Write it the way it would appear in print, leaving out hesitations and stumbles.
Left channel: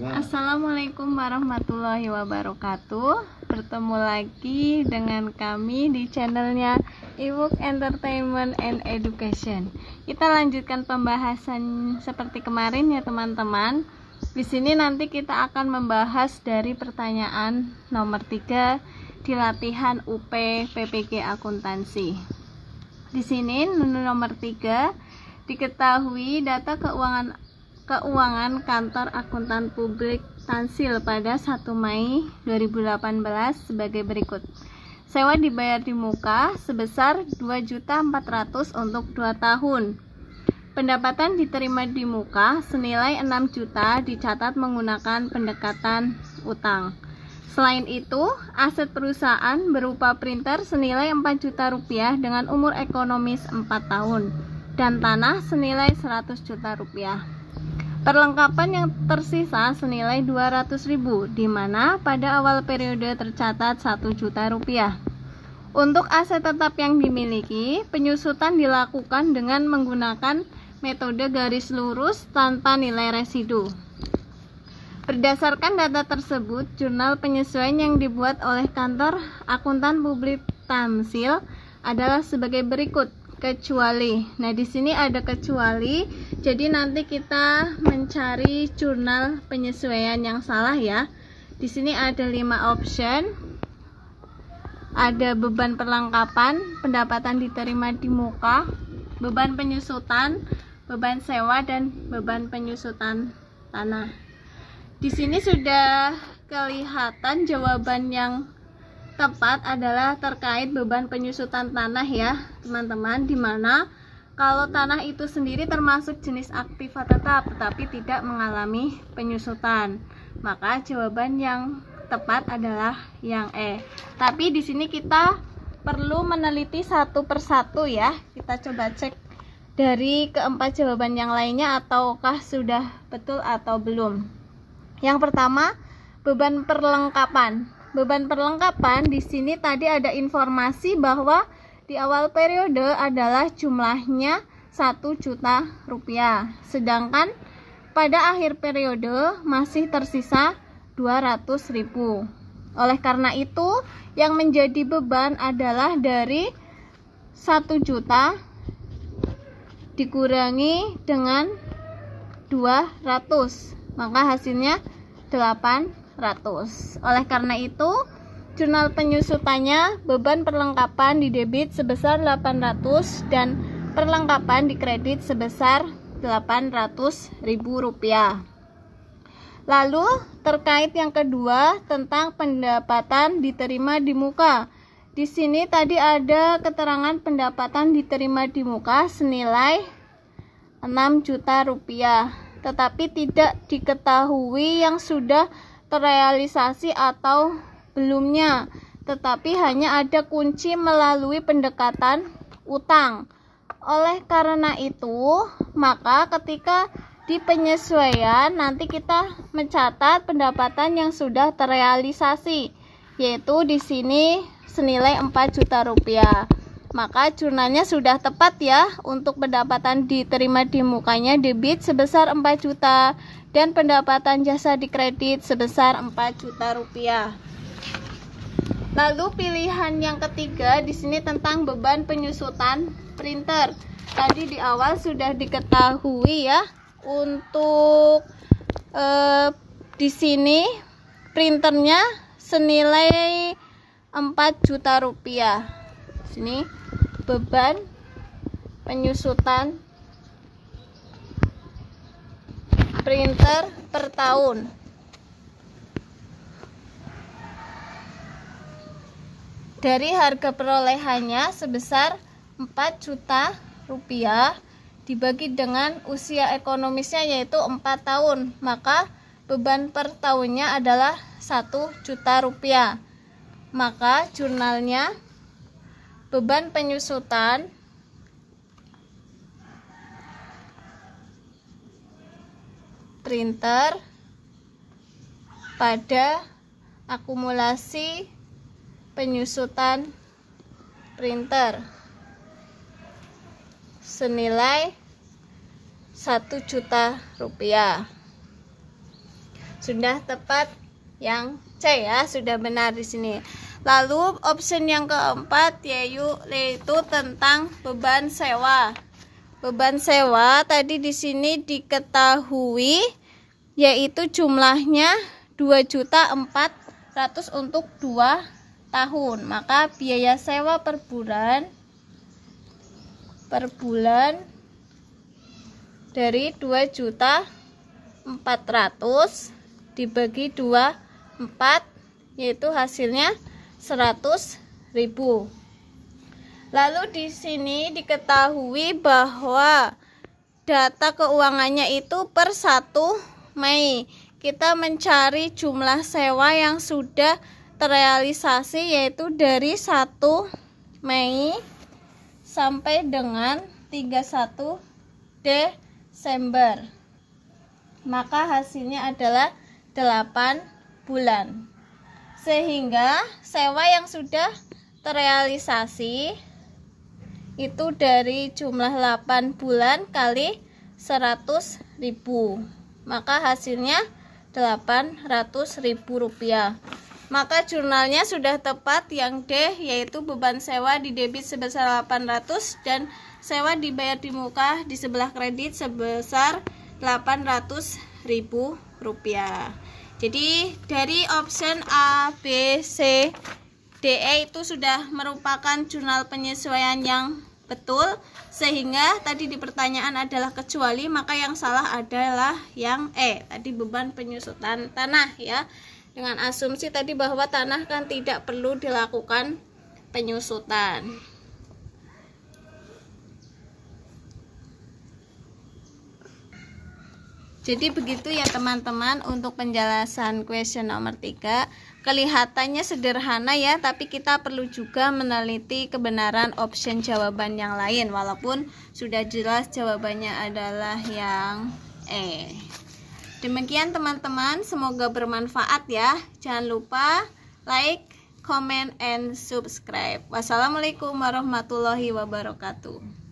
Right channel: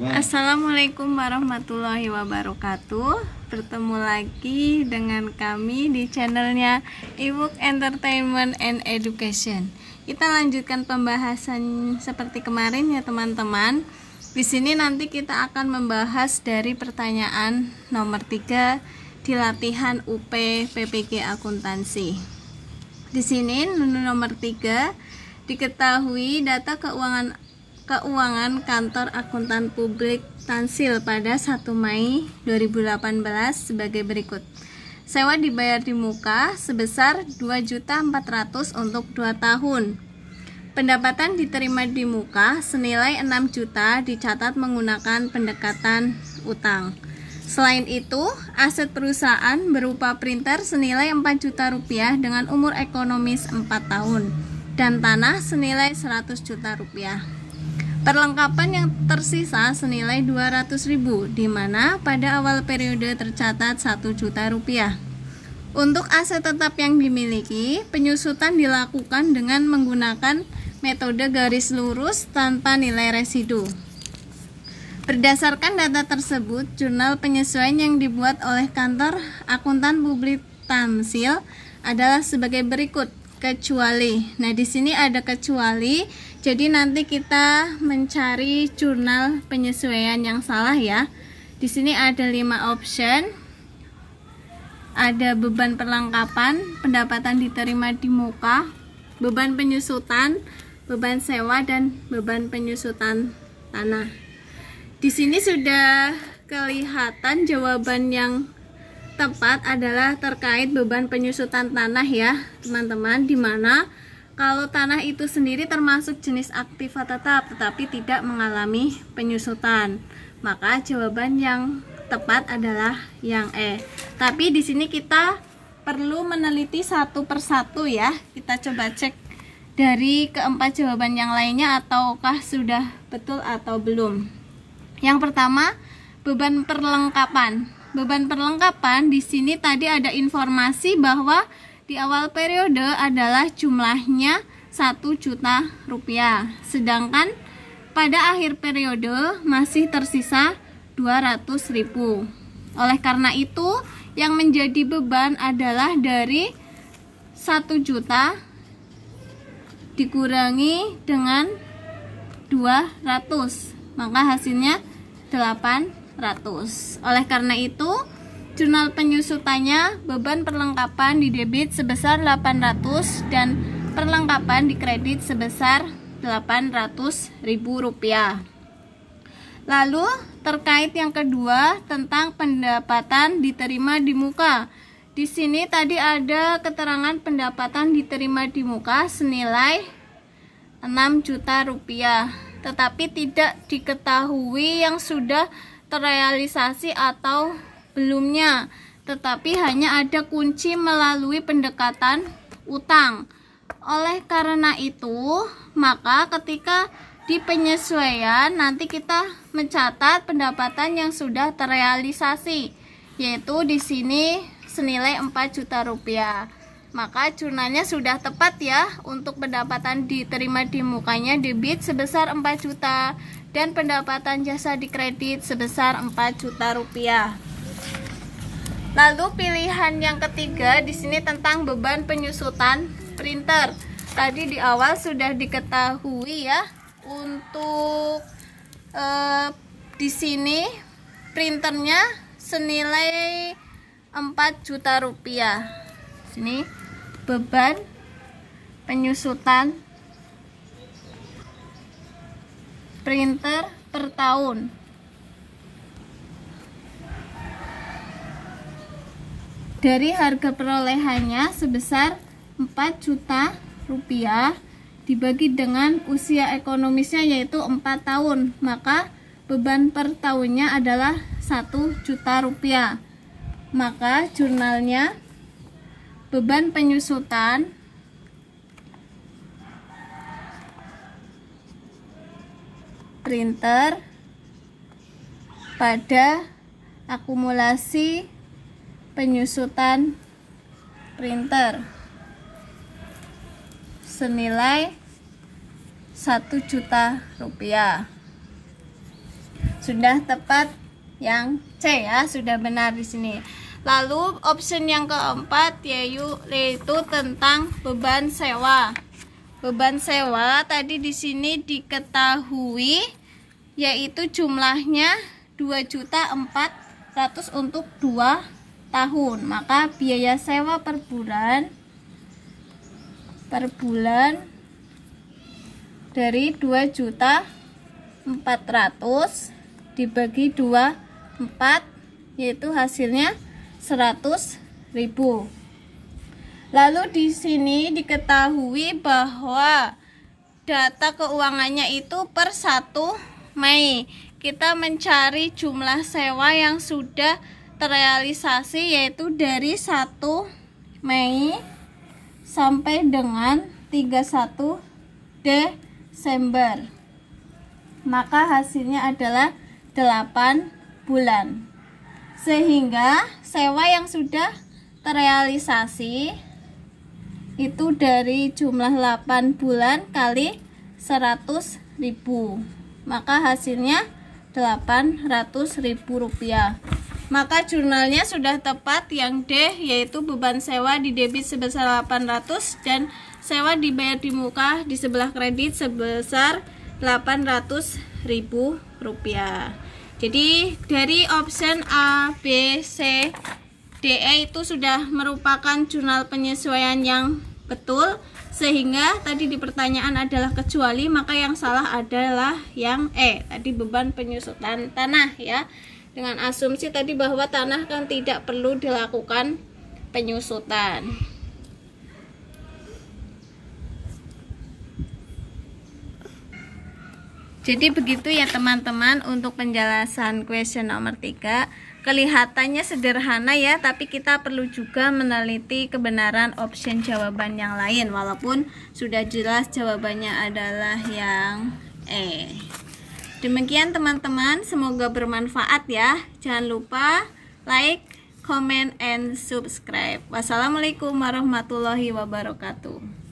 Assalamualaikum warahmatullahi wabarakatuh. Bertemu lagi dengan kami di channelnya Ebook Entertainment and Education. Kita lanjutkan pembahasan seperti kemarin ya teman-teman. Di sini nanti kita akan membahas dari pertanyaan nomor 3 di latihan UP PPG Akuntansi. Di sini nomor 3 diketahui data keuangan kantor akuntan publik Tansil pada 1 Mei 2018 sebagai berikut. Sewa dibayar di muka sebesar 2.400.000 untuk 2 tahun. Pendapatan diterima di muka senilai 6 juta dicatat menggunakan pendekatan utang. Selain itu, aset perusahaan berupa printer senilai 4 juta rupiah dengan umur ekonomis 4 tahun dan tanah senilai 100 juta rupiah. Perlengkapan yang tersisa senilai 200.000, di mana pada awal periode tercatat 1 juta rupiah. Untuk aset tetap yang dimiliki, penyusutan dilakukan dengan menggunakan metode garis lurus tanpa nilai residu. Berdasarkan data tersebut, jurnal penyesuaian yang dibuat oleh kantor akuntan publik Tansil adalah sebagai berikut. Kecuali. Nah, di sini ada kecuali. Jadi nanti kita mencari jurnal penyesuaian yang salah ya. Di sini ada 5 option. Ada beban perlengkapan, pendapatan diterima di muka, beban penyusutan, beban sewa dan beban penyusutan tanah. Di sini sudah kelihatan jawaban yang tepat adalah terkait beban penyusutan tanah ya teman-teman, dimana kalau tanah itu sendiri termasuk jenis aktiva tetap tetapi tidak mengalami penyusutan, maka jawaban yang tepat adalah yang E. Tapi di sini kita perlu meneliti satu persatu ya. Kita coba cek dari keempat jawaban yang lainnya ataukah sudah betul atau belum. Yang pertama, beban perlengkapan. Beban perlengkapan di sini tadi ada informasi bahwa di awal periode adalah jumlahnya 1 juta rupiah. Sedangkan pada akhir periode masih tersisa 200.000. Oleh karena itu, yang menjadi beban adalah dari 1 juta dikurangi dengan 200. Maka hasilnya 800. Oleh karena itu, jurnal penyusutannya beban perlengkapan didebit sebesar 800 dan perlengkapan dikredit sebesar 800.000 rupiah. Lalu terkait yang kedua tentang pendapatan diterima di muka. Di sini tadi ada keterangan pendapatan diterima di muka senilai 6 juta rupiah. Tetapi tidak diketahui yang sudah terrealisasi atau belumnya, tetapi hanya ada kunci melalui pendekatan utang. Oleh karena itu, maka ketika di penyesuaian nanti kita mencatat pendapatan yang sudah terrealisasi, yaitu di sini senilai 4 juta rupiah. Maka jurnalnya sudah tepat ya, untuk pendapatan diterima di mukanya debit sebesar 4 juta dan pendapatan jasa dikredit sebesar 4 juta rupiah. Lalu pilihan yang ketiga di sini tentang beban penyusutan printer. Tadi di awal sudah diketahui ya, untuk di sini printernya senilai 4 juta rupiah. Sini beban penyusutan printer per tahun. Dari harga perolehannya sebesar 4 juta rupiah dibagi dengan usia ekonomisnya yaitu 4 tahun, maka beban per tahunnya adalah 1 juta rupiah. Maka jurnalnya beban penyusutan printer pada akumulasi penyusutan printer senilai 1 juta rupiah. Sudah tepat yang C ya, sudah benar di sini. Lalu option yang keempat yaitu tentang beban sewa. Beban sewa tadi di sini diketahui yaitu jumlahnya 2.400.000 untuk 2 tahun. Maka biaya sewa per bulan dari 2.400.000 dibagi 24 yaitu hasilnya 100.000. Lalu di sini diketahui bahwa data keuangannya itu per 1 Mei. Kita mencari jumlah sewa yang sudah terrealisasi yaitu dari 1 Mei sampai dengan 31 Desember. Maka hasilnya adalah 8 bulan. Sehingga sewa yang sudah terrealisasi itu dari jumlah 8 bulan kali 100.000. Maka hasilnya 800.000 rupiah. Maka jurnalnya sudah tepat yang D, yaitu beban sewa di debit sebesar 800 dan sewa dibayar di muka di sebelah kredit sebesar 800.000 rupiah. Jadi dari option A, B, C, D, E itu sudah merupakan jurnal penyesuaian yang betul, sehingga tadi di pertanyaan adalah kecuali, maka yang salah adalah yang E, tadi beban penyusutan tanah ya, dengan asumsi tadi bahwa tanah kan tidak perlu dilakukan penyusutan. Jadi begitu ya teman-teman untuk penjelasan question nomor 3. Kelihatannya sederhana ya, tapi kita perlu juga meneliti kebenaran option jawaban yang lain, walaupun sudah jelas jawabannya adalah yang E. Demikian teman-teman, semoga bermanfaat ya. Jangan lupa like, comment, and subscribe. Wassalamualaikum warahmatullahi wabarakatuh.